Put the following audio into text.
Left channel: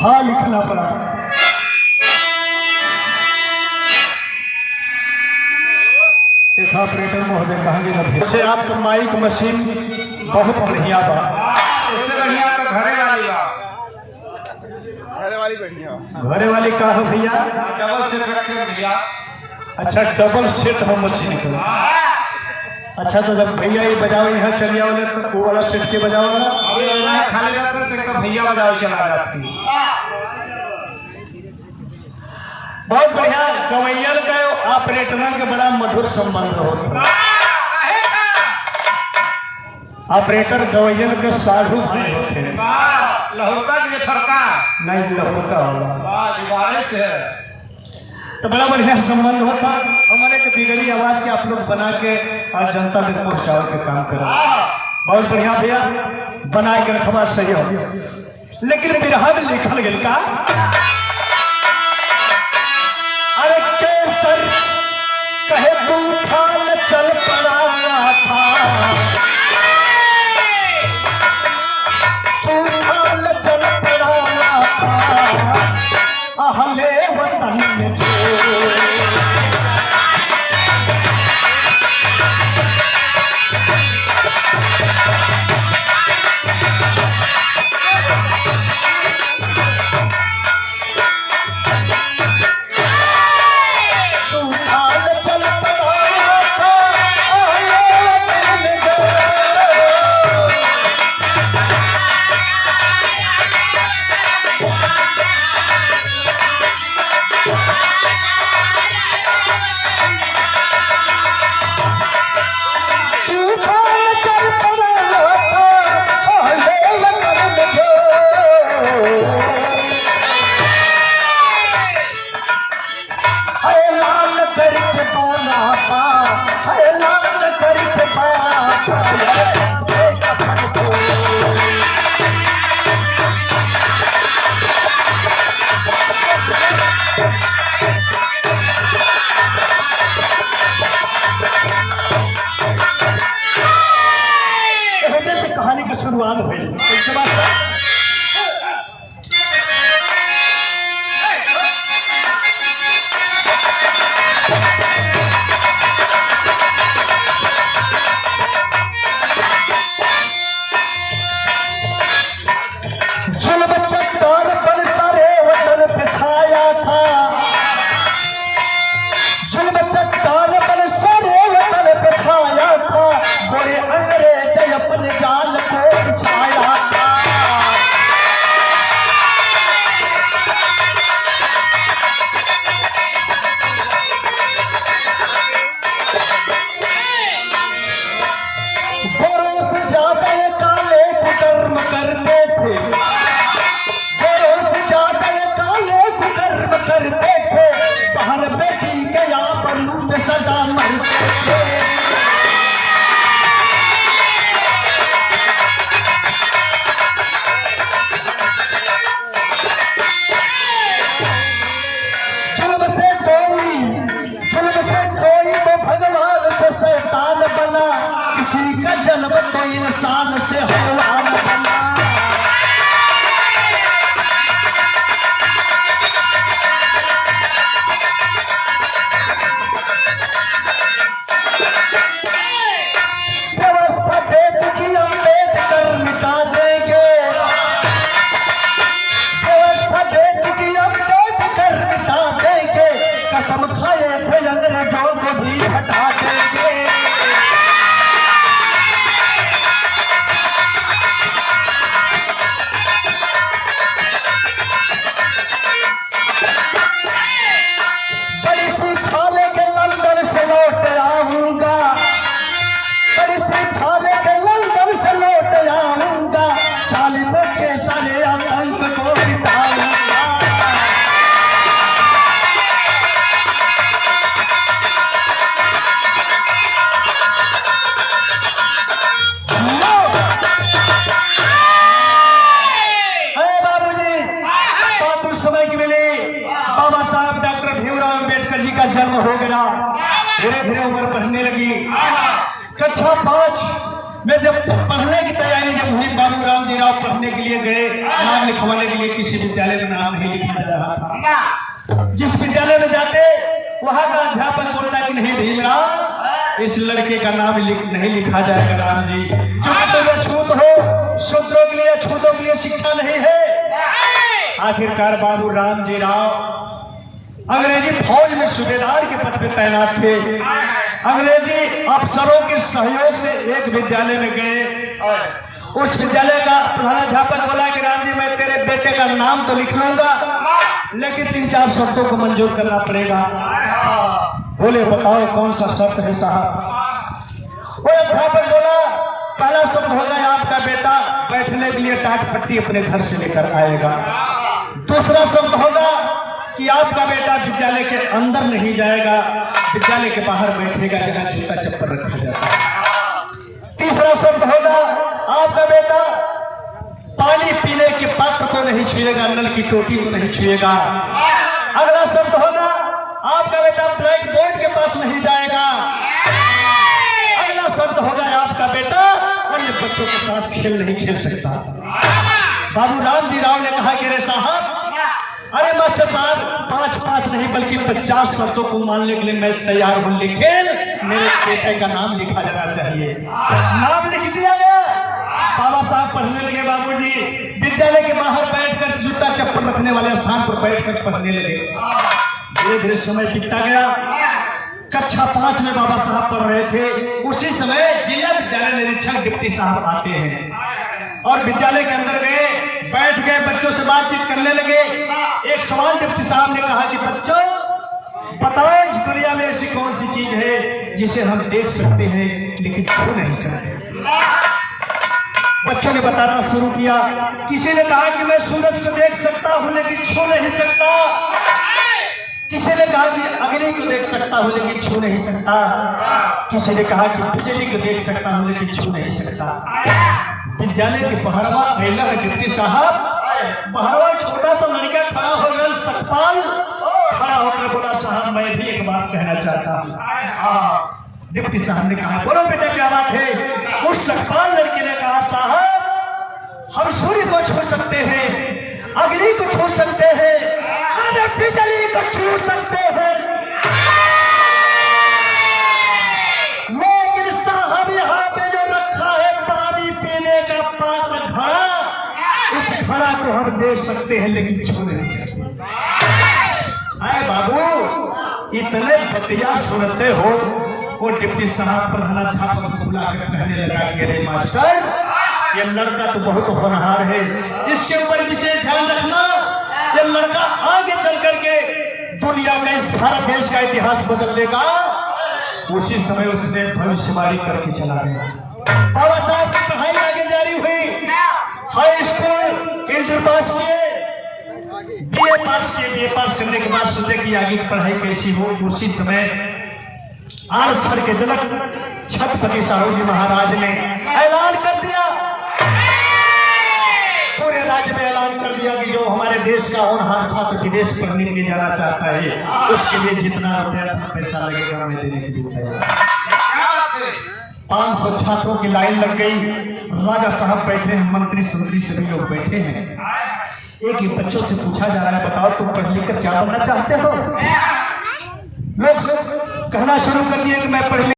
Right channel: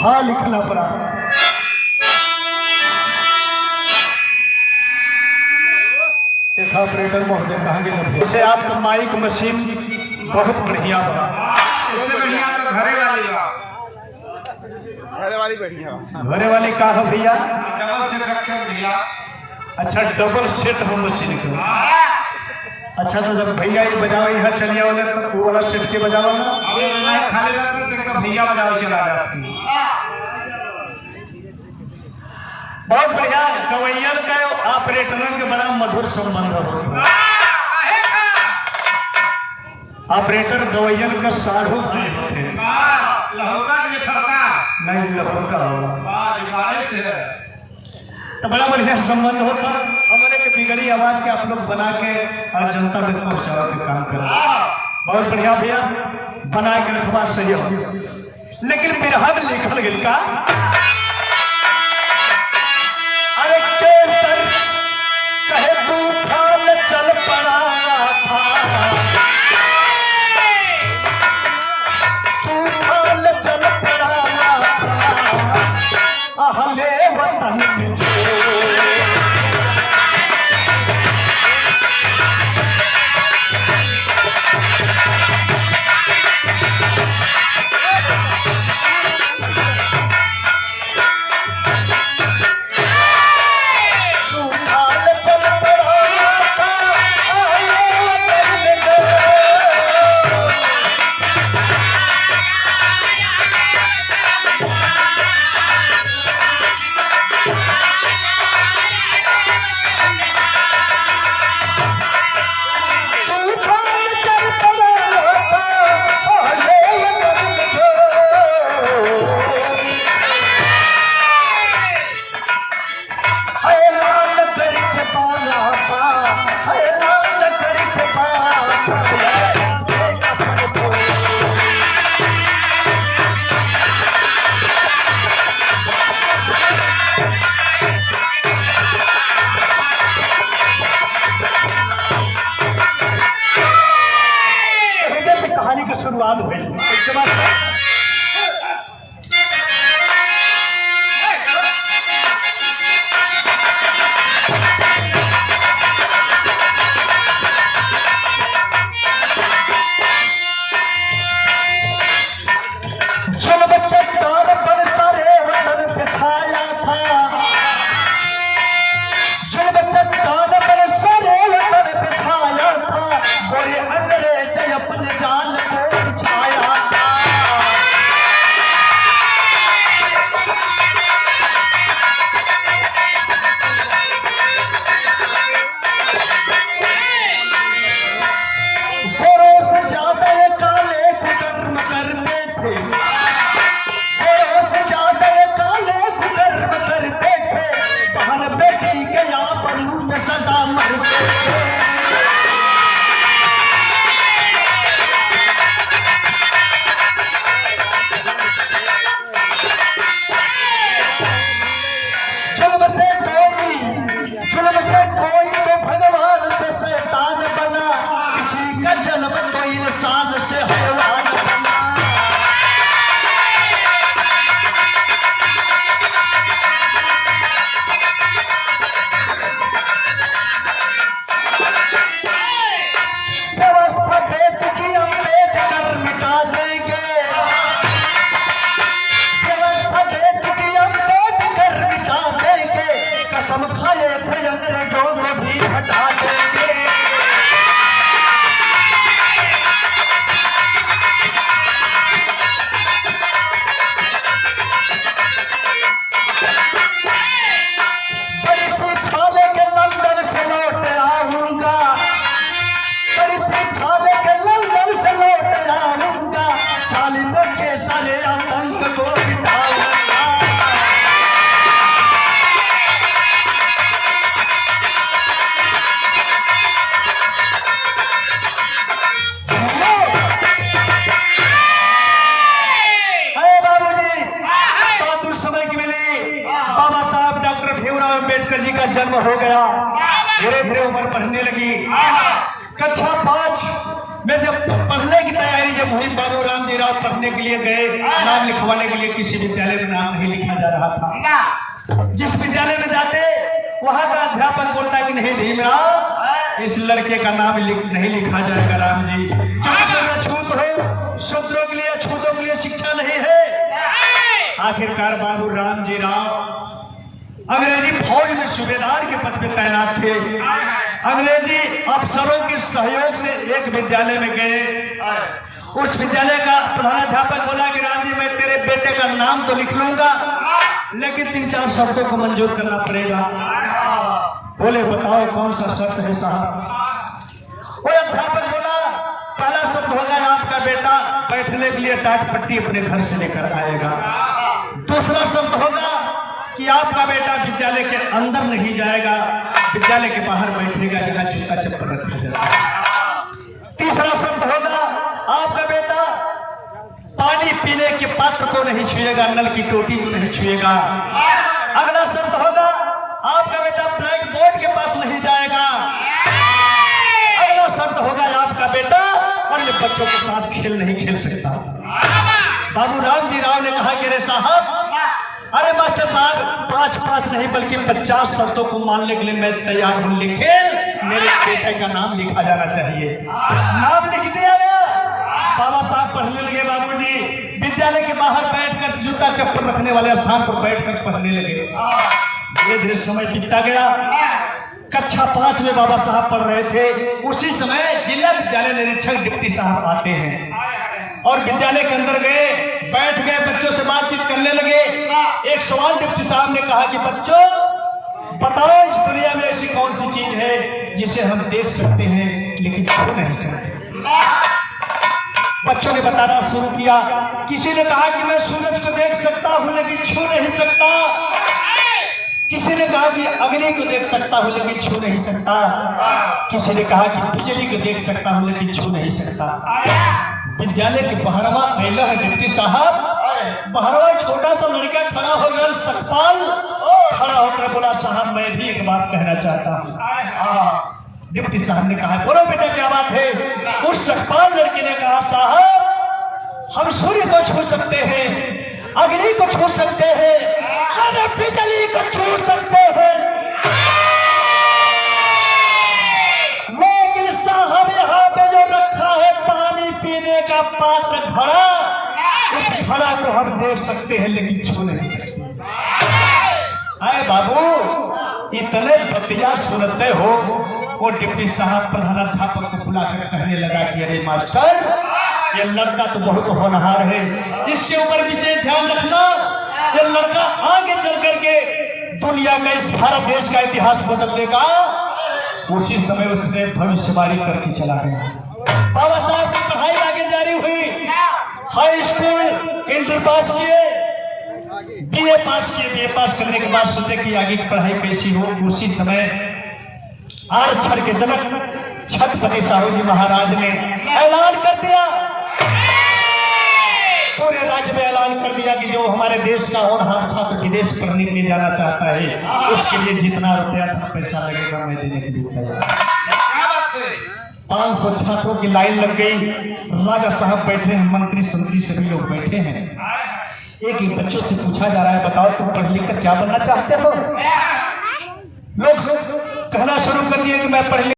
भाव लिखना पड़ा। ऑपरेटर महोदय कहेंगे जैसे आपका माइक मशीन बहुत बढ़िया बा, इससे बढ़िया तो घरे वाली बढ़िया। घरे वाली का हो भैया? डबल सेट रखे भैया। अच्छा डबल सेट हो मशीन का। अच्छा तो जब भैया ये बजाओ यहाँ चलिए वाले तो वाला सेट के बजाओ ना, ये खाली तो भैया बजाओ चला जाती। बहुत बढ़िया। गवैया का ऑपरेटर का बड़ा मधुर संबंध होता है। ऑपरेटर गवैया का साधु भाई होते हैं। लहोटा के ठोका नहीं लहोटा होगा से तो बड़ा बढ़िया संबंध होता है। हमारे एक बिगड़ी आवाज के आप लोग बना के और जनता तक पहुंचाने के काम करा, बहुत बढ़िया भैया बना के रखवा सही हो। लेकिन बिरहा में लिखल गई का अरे केसर कहे बूफाल चल पड़ाया था, बूफाल चल पड़ाया था हमें वतन में। कहानी की शुरुआत हुई। चल बच्चा कौन बन सारे वतन पे छाया था, चल बच्चा कौन बन सारे वतन पे छाया था, बड़े अंग्रेज अपन जाल को छाया था। गोरों से ज्यादा ये काले कुकर्म करते थे, गोरों से ज्यादा ये काले कुकर्म करते थे, बाहर बेटी गया परू में सदा मरते थे। जुल्म से कोई तो भगवान से शैतान बना, किसी का जन्म तो इंसान से हैवान बना। व्यवस्था भेद किया भेद कर मिटा देंगे, व्यवस्था भेद किया भेद कर मिटा देंगे, कसम खाए थे अंग्रेजों को भी हटा देंगे। बड़ी सी छाले के लंदन से लौट आऊंगा, बड़ी सी छाले के लंदन से लौट आऊंगा, चाली पक्के साले आतंक को मिटाऊंगा। अरे बाबूजी, बहादुर समय की मिली, बाबा साहब डॉक्टर भीमराव अम्बेडकर जी का जन्म हो गया, धीरे धीरे उम्र बढ़ने लगी। कक्षा 5 मैं जब पढ़ने की तैयारी जब हुई, बाबू राम जी राव पढ़ने के लिए गए, नाम लिखवाने के लिए किसी विद्यालय में नाम नहीं लिखा जा रहा था। जिस विद्यालय में जाते वहां का अध्यापक बोलता कि नहीं भीमराव, इस लड़के का नाम नहीं लिखा जाएगा राम जी, जो छूत हो, शूद्रों के लिए, छूतों के लिए शिक्षा नहीं है। आखिरकार बाबू राम जी राव अंग्रेजी फौज में सूबेदार के पद पर तैनात थे। अंग्रेजी अफसरों के सहयोग से एक विद्यालय में गए। उस विद्यालय का प्रधानाध्यापक बोला कि राम जी, मैं तेरे बेटे का नाम तो लिख लूंगा, लेकिन 3-4 शर्तों को मंजूर करना पड़ेगा। बोले बताओ कौन सा शर्त है साहब? वो अध्यापक बोला, पहला शर्त होगा आपका बेटा बैठने के लिए टाट पट्टी अपने घर से लेकर आएगा। दूसरा शर्त होगा कि आपका बेटा विद्यालय के अंदर नहीं जाएगा, विद्यालय के बाहर बैठेगा, जगह जूता चप्पल रखा जाता है। तीसरा शब्द होगा आपका बेटा पानी पीने के पात्र को नहीं छुएगा, नल की टोटी को नहीं छुएगा। अगला शब्द होगा आपका बेटा ब्लैक बोर्ड के पास नहीं जाएगा। अगला शब्द होगा आपका बेटा और ये बच्चों के साथ खेल नहीं खेल सकता। बाबू राम जी राव ने कहा कि रे साहब, अरे मास्टर साहब 5 नहीं बल्कि 50 शर्तों को मानने के लिए मैं तैयार हूं, लेकिन मेरे बेटे का नाम लिखा जाना चाहिए। नाम लिख दिया गया। बाबू साहब पढ़ने लगे। बाबू जी विद्यालय के बाहर बैठकर जूता चप्पल रखने वाले स्थान पर बैठकर पढ़ने लगे। धीरे धीरे समय बीतता गया। कक्षा 5 में बाबा साहब पढ़ रहे थे। उसी समय जिला विद्यालय निरीक्षक डिप्टी साहब आते हैं और विद्यालय के अंदर गए, बैठ गए, बच्चों से बातचीत करने लगे। एक सवाल डिप्टी साहब ने कहा कि बच्चों बताओ, इस दुनिया में ऐसी कौन सी चीज है जिसे हम देख सकते हैं लेकिन छू नहीं सकते? बच्चों ने बताना शुरू किया। किसी ने कहा कि मैं सूरज को देख सकता हूं लेकिन छू नहीं सकता। किसी ने कहा कि अग्नि को देख सकता हूं लेकिन छू नहीं सकता। किसी ने कहा कि बिजली को देख सकता हूं लेकिन छू नहीं सकता। विद्यालय के बहरवा अयला डिप्टी साहब, बहरवा छोटा सा लड़का खड़ा हो गया, सकपाल खड़ा होकर बोला, साहब मैं भी एक बात कहना चाहता हूँ। डिप्टी साहब ने कहा, बोलो बेटा क्या बात है? उस सकपाल लड़के ने कहा, साहब हम सूर्य को छू सकते हैं, अग्नि को छू सकते हैं, बिजली को छू सकते हैं, लेकिन साहब यहाँ पे जो रखा है पानी पीने का पात्र घड़ा, उस घड़ा को हम देख सकते हैं लेकिन छू नहीं सकते। अरे बाबू इतने बतिया सुनते हो? वो डिप्टी साहब प्रधानाध्यापक को बुलाकर कहने लगा कि अरे मास्टर, ये लड़का तो बहुत होनहार है, इसके ऊपर विशेष ध्यान रखना। ये लड़का आगे चल करके दुनिया का, इस भारत देश का इतिहास बदल देगा। उसी समय उसने भविष्यवाणी करके चला गया। बाबा साहब की पढ़ाई आगे जारी हुई। हाई स्कूल इंटर पास किए, बीए पास किए। बीए पास करने के बाद सोचे कि आगे की पढ़ाई कैसी हो। उसी समय आरक्षण के जनक छत्रपति साहू जी महाराज ने ऐलान कर दिया, पूरे राज्य में ऐलान कर दिया कि जो हमारे देश का और हर छात्र विदेश पढ़ने के लिए जाना चाहता है, उसके लिए जितना रुपया पैसा लगेगा मैं देने के लिए तैयार। 500 छात्रों की लाइन लग गई। राजा साहब बैठे हैं, मंत्री संतरी सभी लोग बैठे हैं। एक ही बच्चों से पूछा जा रहा है, बताओ तुम पढ़ लिख कर क्या बनना चाहते हो? लोग कहना शुरू कर दिए कि मैं पढ़